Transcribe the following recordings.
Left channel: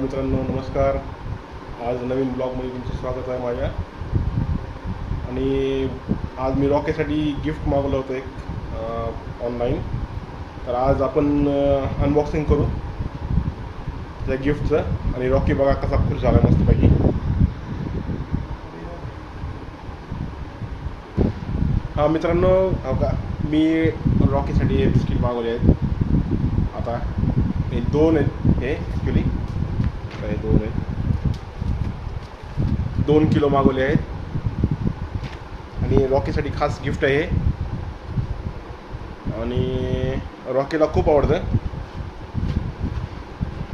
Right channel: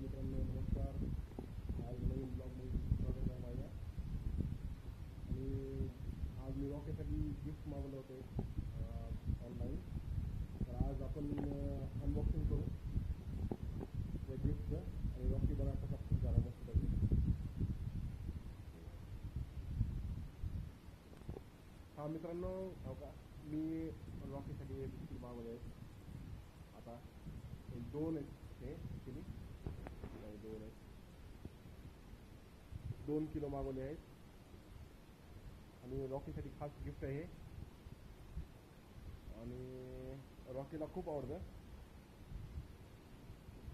मित्रांनो नमस्कार. आज नवीन ब्लॉगमध्ये तुमचं स्वागत आहे माझ्या. आणि आज मी रॉकेसाठी गिफ्ट मागवलं होतं एक ऑनलाईन तर आज आपण अनबॉक्सिंग करू. त्या गिफ्टचं आणि रॉकी बघा कसा खुश झाला मस्तपैकी. हां मित्रांनो हो का मी रॉकीसाठी हे बिस्किट मागवले आहेत. आता हे दोन आहेत हे ॲक्च्युली हे दोन आहेत. दोन किलो मागवले आहेत. आणि रॉकीसाठी खास गिफ्ट आहे आणि रॉकीला खूप आवडतं.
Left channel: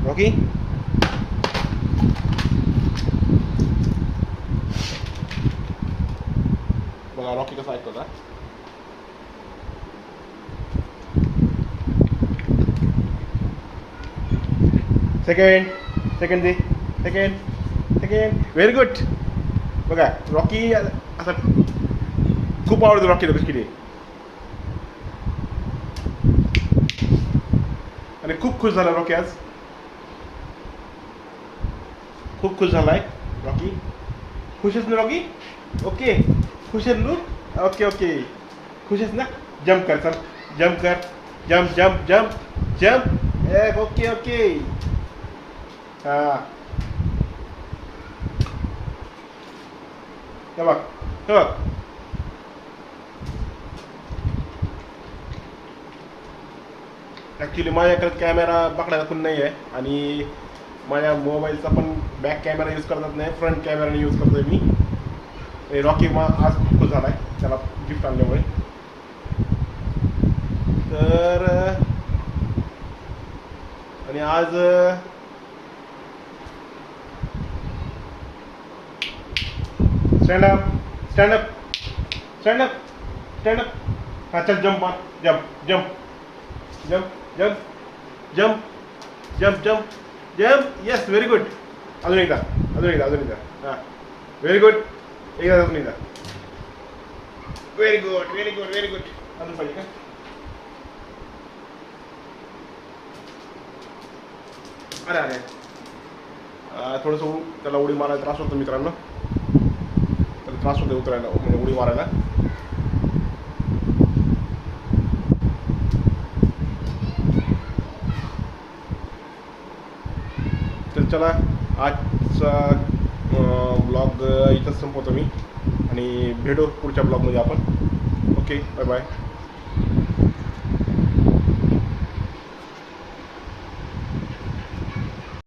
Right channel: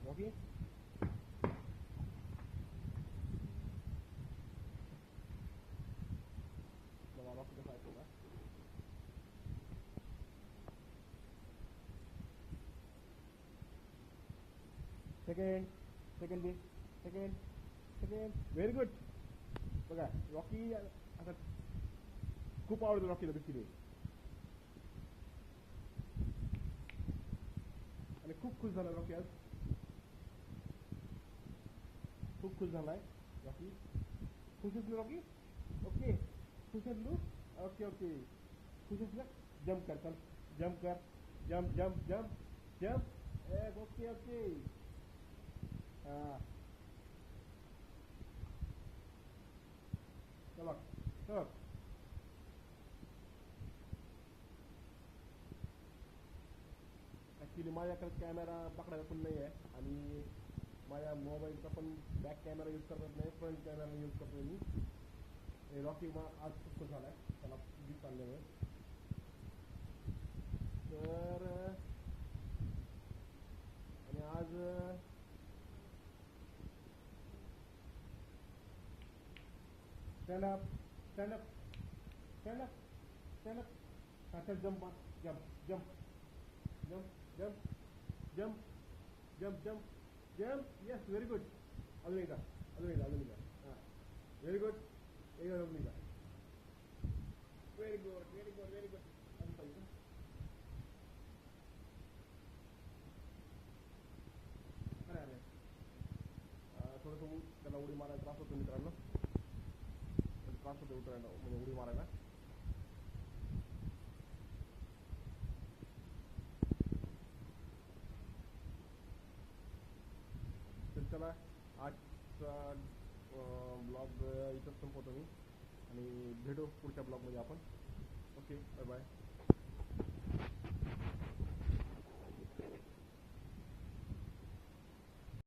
रॉकी? बघा रॉकी कसा ऐकतो का सेकंड सेकंड दे सेकंड सेकंड व्हेरी गुड बघा रॉकी असं खूप आवडतो रॉकीला बिस्किटे आणि खूप खुश झाला रॉकी आज खूप खुश झालाय रॉकी खुश आहेस ना रॉकी ओके खुश आहेस ना ओके ओके खुश आहेस ना जम्प कर चल जम्प कर जम्प जम्प जम्प जम्प ए ओके ओके हा हे बघ हे बघ ॲक्च्युली माझ्याकडे कॅमेरा पकडायला पण नाही आहे आणि माझ्या मोबाईलचा पण बॅक कॅमेरा यूज करतात नाही फ्रंट कॅमेराने यूज करतो आहे मी. आणि रॉकी मग आज खूप झाला आहे त्याला गिफ्ट आणल्यामुळे. तर आणि आज stand up stand up stand up stand up हा चल जम्प मार. Jump jump jump jump jump jump jump jump yes very good अजून एकदा अजून एकदा अजून एकदा हां व्हेरी गुड एकदा अजून एकदा very good very good very good अजून पाहिजे का अरे अरे थोडंसं त्याला उडी मारायला त्रास होतो मित्रांनो. त्रास उतरायला म्हणजे उडी मारायला. तर चला आजचा ब्लॉग इथंच संपवतो मी. आणि भेटू पुढच्या ब्लॉगमध्ये आपण. Okay bye bye